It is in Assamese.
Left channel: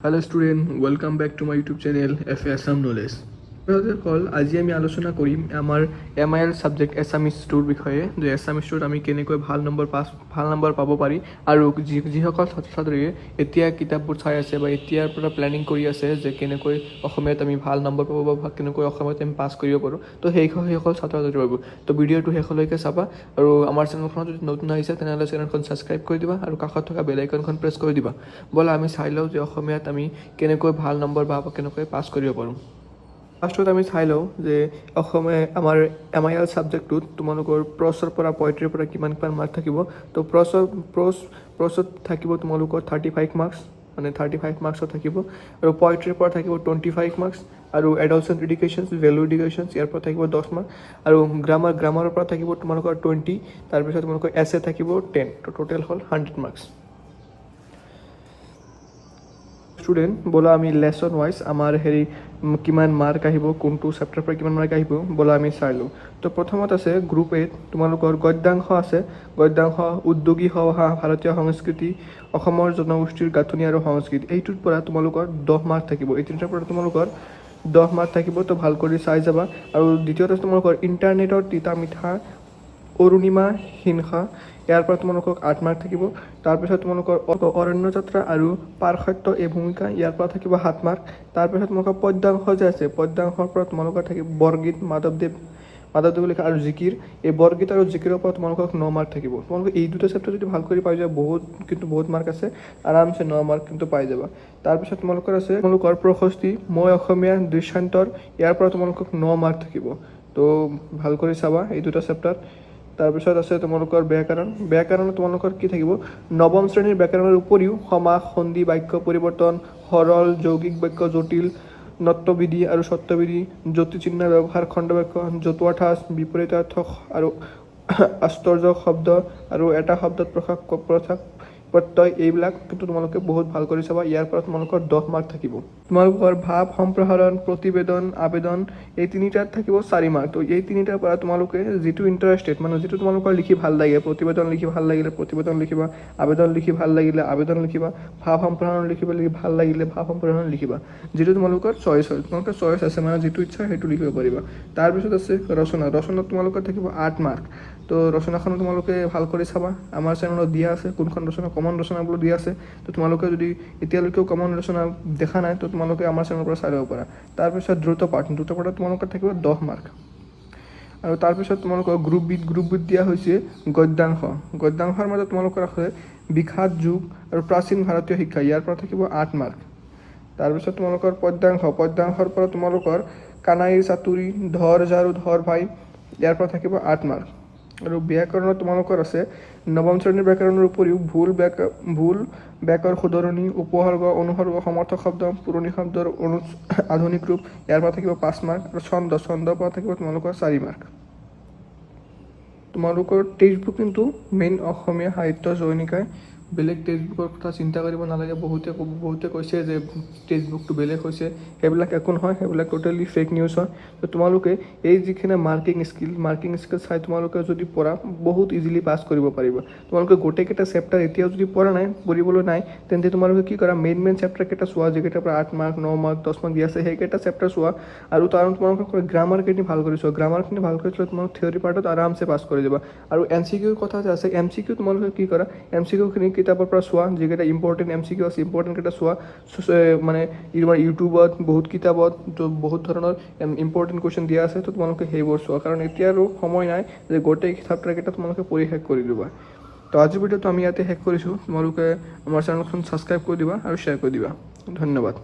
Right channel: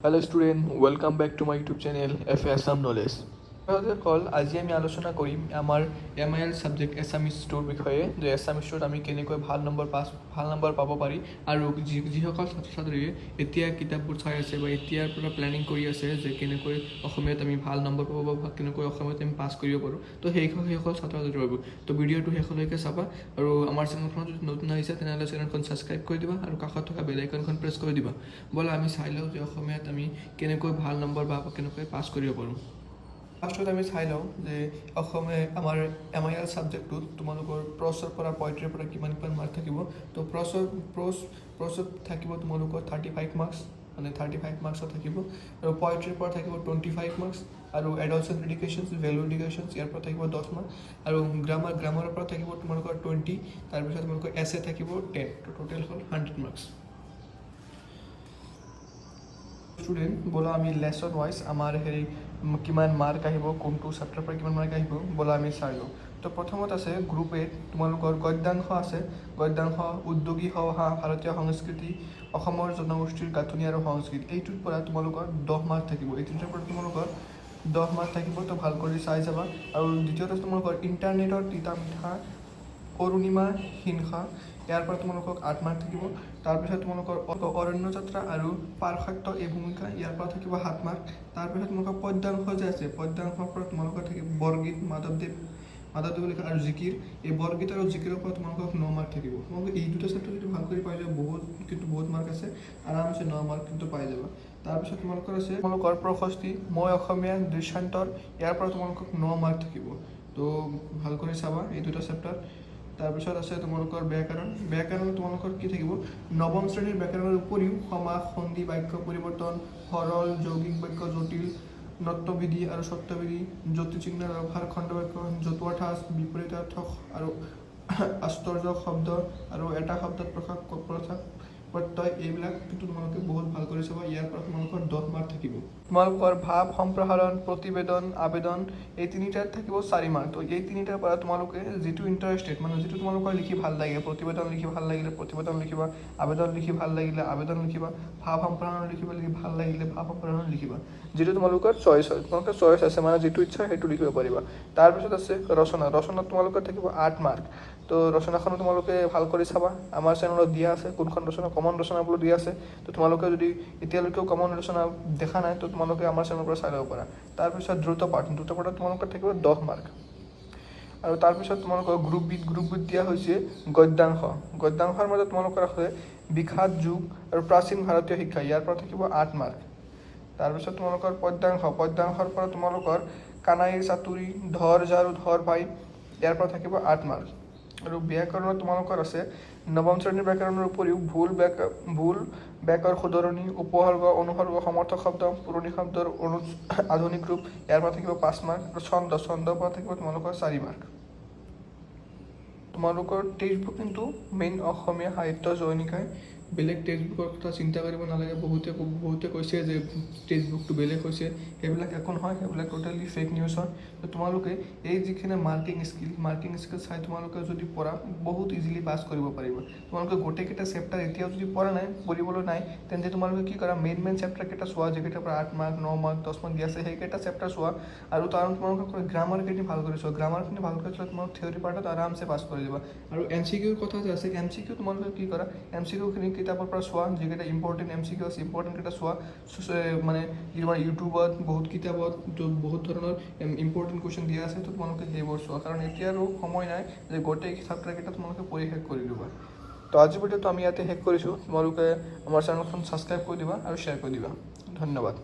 Hello student, welcome back to my YouTube channel FA Assam Knowledge. কল আজি আমি আলোচনা কৰিম আমাৰ MIL সাবজেক্ট এছামিজ টুৰ বিষয়ে যে এছামিজ টুত আমি কেনেকৈ ভাল নম্বৰ পাব পাৰি আৰু যিসকল ছাত্ৰ ছাত্ৰীয়ে এতিয়া কিতাপবোৰ চাই আছে বা এতিয়াৰ পৰা প্লেনিং কৰি আছে যে কেনেকৈ অসমীয়াত আমি ভাল নম্বৰ পাব বা কেনেকৈ অসমীয়াত আমি পাছ কৰিব পাৰোঁ তো সেইসকল ছাত্ৰ ছাত্ৰী পাব তো ভিডিঅ'টো শেষলৈকে চাবা আৰু আমাৰ চেনেলখন যদি নতুন আহিছে তেনেহ'লে চেনেলখন ছাবস্ক্ৰাইব কৰি দিবা আৰু কাষত থকা বেল আইকনখন প্ৰেছ কৰি দিবা ব'লা আমি চাই লওঁ যে অসমীয়াত আমি কেনেকৈ ভাল নম্বৰ বা কেনেকৈ পাছ কৰিব পাৰোঁ। ফাৰ্ষ্টত আমি চাই লওঁ যে অসমীয়া আমাৰ MIL ছাবজেক্টটোত তোমালোকৰ প্ৰছৰ পৰা পয়েট্ৰিৰ পৰা কিমান মাৰ্ক থাকিব তো প্ৰছত থাকিব তোমালোকৰ 35 মাৰ্কছ মানে 35 মাৰ্কছত থাকিব আৰু পয়েট্ৰিৰ পৰা থাকিব 25 মাৰ্কছ আৰু এডালচেণ্ট এডুকেশ্যনছ ভেলু এডুকেশ্যনছ ইয়াৰ পৰা থাকিব 10 মাৰ্ক আৰু গ্ৰামাৰৰ পৰা থাকিব তোমালোকৰ 20 তাৰপিছত তোমালোকৰ এছে থাকিব 10 তো টোটেল হ'ল 100 মাৰ্কছ। স্টুডেন্ট বলা আমি লেসন ওয়াইজ আমাৰ কিমান মাৰ্ক আহিব কোনটো চেপ্টাৰ পৰা কিমান মাৰ্ক আহিব বলা আমি চাই লওঁ। তো প্ৰথমত আছে গ্ৰুপ এ তোমালোকৰ গদ্যাংশ আছে গদ্যাংশ উদ্যোগী সভা ভাৰতীয় সংস্কৃতি অসমৰ জনগোষ্ঠীৰ গাঁথনি আৰু সংস্কৃতি এইটোৰ পৰা তোমালোকৰ 10 মাৰ্ক থাকিব এই তিনিটাৰ পৰা তোমালোকৰ 10 মাৰ্ক থাকিব তো ভাল কৰি চাই যাবা। আৰু দ্বিতীয়তে তোমালোকৰ ইণ্টাৰনেটৰ তিতা মিঠা অৰুণিমা হিংসা ইয়াৰ পৰা তোমালোকক 8 মাৰ্ক থাকিব। তাৰপিছত তোমালোকৰ অৰণ্য যাত্ৰা আৰু পাৰসত্য এই ভূমিকা ইয়াৰ পৰা থাকিব 7 মাৰ্ক। তাৰপিছত তোমালোকৰ পদ্যাংশ যে আছে পদ্যাংশৰ পৰা তোমালোকৰ থাকিব বৰগীত মাধৱদেৱ লিখা আৰু জিকিৰ এই বৰগীত আৰু জিকিৰৰ পৰা তোমালোকক 9 মাৰ্ক থাকিব। তোমালোকে এই দুটা চেপ্টাৰ যদি ভাল কৰি পাই যোৱা বহুত মাৰ্ক আছে আৰামছে 9 মাৰ্ক কিন্তু পাই যাবা। তাৰপিছত তোমালোকৰ আছে তোমালোকৰ প্ৰশস্তি মই অসমীয়া দৃশ্যান্তৰ ইয়াৰ পৰা তোমালোকক 9 মাৰ্ক থাকিব তো ভাল কৰি চাবা এই দুটা চেপ্টাৰ। তাৰপিছত আছে তোমালোকৰ ব্যাকৰণ তোমালোকৰ কি থাকিব নৱম শ্ৰেণীৰ ব্যাকৰণৰ উপৰিও সমাস সন্ধি বাক্য পৰিৱৰ্তন সৰল যৌগিক বাক্য জটিল নত্যবিধি আৰু সত্যবিধি জ্যোতিচিহ্ন ব্যৱহাৰ খণ্ডবাক্য জতুৱা ঠাঁচ বিপৰীতাৰ্থ আৰু আশ্চৰ্য শব্দ আৰু এটা শব্দত প্ৰত্যয় এইবিলাক কিন্তু তোমালোকে বহুত ভাল কৰি চাবা। ইয়াৰ পৰা তোমালোকৰ 10 মাৰ্ক থাকিব। তোমালোকৰ ভাৱ সম্প্ৰসাৰণ প্ৰতিবেদন আবেদন এই তিনিটাত থাকিব 4 মাৰ্ক। তো এই তিনিটাৰ পৰা তোমালোকে যিটো ইণ্টাৰেষ্টেড মানে যিটো তোমালোকৰ লিখি ভাল লাগে প্ৰতিবেদন লিখি ভাল লাগিলে প্ৰতিবেদন লিখিবা আবেদন লিখি ভাল লাগিলে আবেদন লিখিবা ভাৱ সম্প্ৰসাৰণ লিখিব ভাল লাগিলে ভাৱ সম্প্ৰসাৰণ লিখিবা যিটো তোমালোকৰ চইচ হয় তোমালোকৰ চইচ আছে মানে যিটো ইচ্ছা সেইটো লিখিব পাৰিবা। তাৰপিছত আছে ৰচনাত তোমালোকৰ থাকিব 8 মাৰ্ক। তো ৰচনাখন তোমালোকে ভাল কৰি চাবা আমাৰ চেনেলত দিয়া আছে কোনখন ৰচনা কমন ৰচনাবোৰ দিয়া আছে তো তোমালোকে যদি এতিয়ালৈকেও কমন ৰচনা দেখা নাই তো তোমালোকে আমাৰ চেনেলৰ পৰা চাই ল'ব পাৰা। তাৰপিছত দ্ৰুতপাঠ তোমালোকৰ থাকিব 10 মাৰ্ক। আৰু তাৰপিছত তোমালোকৰ গ্ৰুপ বিত দিয়া হৈছে গদ্যাংশৰ মাজত তোমালোকৰ আছে বিখ্যাত যুগ আৰু প্ৰাচীন ভাৰতীয় শিক্ষা ইয়াৰ পৰা থাকিব 8 মাৰ্ক। তাৰপিছত তোমালোকৰ পদ্যাংশৰ পৰা তোমালোকৰ কানাইৰ চাতুৰি ধৰ ঝাৰু ধৰ ভাই ইয়াৰ পৰা থাকিব 8 মাৰ্ক। আৰু ব্যাকৰণত তোমালোকৰ আছে নৱম শ্ৰেণীৰ ব্যাকৰণৰ উপৰিও ভুল ব্যাকৰ শুধৰণি উপসৰ্গ অনুসৰ্গ সমৰ্থক শব্দ পুৰণি শব্দৰ আধুনিক ৰূপ ইয়াৰ পৰা থাকিব 5 মাৰ্ক। আৰু ছন্দৰ পৰা থাকিব তোমালোকৰ 4 মাৰ্ক। তোমালোকৰ টেক্সট বুক কিন্তু মেইন অসমীয়া সাহিত্য জৈনিকাই বেলেগ টেক্সট বুকৰ কথা চিন্তা কৰিব নালাগে। বহুতে কৈছে যে টেক্সট বুকটো বেলেগ হৈছে সেইবিলাক একো নহয় সেইবিলাক টোটেলি ফেক নিউজ হয়। তো তোমালোকে এই যিখিনি মাৰ্কিং স্কিল চাই তোমালোকে যদি পঢ়া বহুত ইজিলি পাছ কৰিব পাৰিবা। তোমালোকে গোটেইকেইটা চেপ্টাৰ এতিয়াও যদি পঢ়িবলৈ নাই তেন্তে তোমালোকে কি কৰা মেইন চেপ্টাৰকেইটা চোৱা যিকেইটাৰ পৰা 8 মাৰ্ক 9 মাৰ্ক 10 মাৰ্ক দি আছে সেইকেইটা চেপ্টাৰ চোৱা আৰু তাৰ তোমালোকে গ্ৰামাৰখিনি ভাল কৰি চোৱা গ্ৰামাৰখিনি ভাল কৰি চোৱা তোমালোকে থিয়ৰী পাৰ্টত আৰামছে পাছ কৰি যাবা। আৰু MCQ কথা যে আছে MCQ তোমালোকে কি কৰা MCQখিনি কিতাপৰ পৰা চোৱা যিকেইটা ইম্পৰ্টেণ্ট MCQ আছে ইম্পৰ্টেণ্টকেইটা চোৱা মানে ইউটিউবত বহুত কিতাপত বহুত ধৰণৰ ইম্পৰ্টেণ্ট কুৱেশ্যন দিয়া আছে তো তোমালোকে সেইবোৰ চোৱা কাৰণ এতিয়া আৰু সময় নাই যে গোটেই চেপ্টাৰকেইটা তোমালোকে পঢ়ি শেষ কৰি দিবা। তো আজিৰ ভিডিঅ'টো আমি ইয়াতে শেষ কৰিছোঁ। তোমালোকে আমাৰ চেনেলখন ছাবস্ক্ৰাইব কৰি দিবা আৰু শ্বেয়াৰ কৰি দিবা। ধন্যবাদ।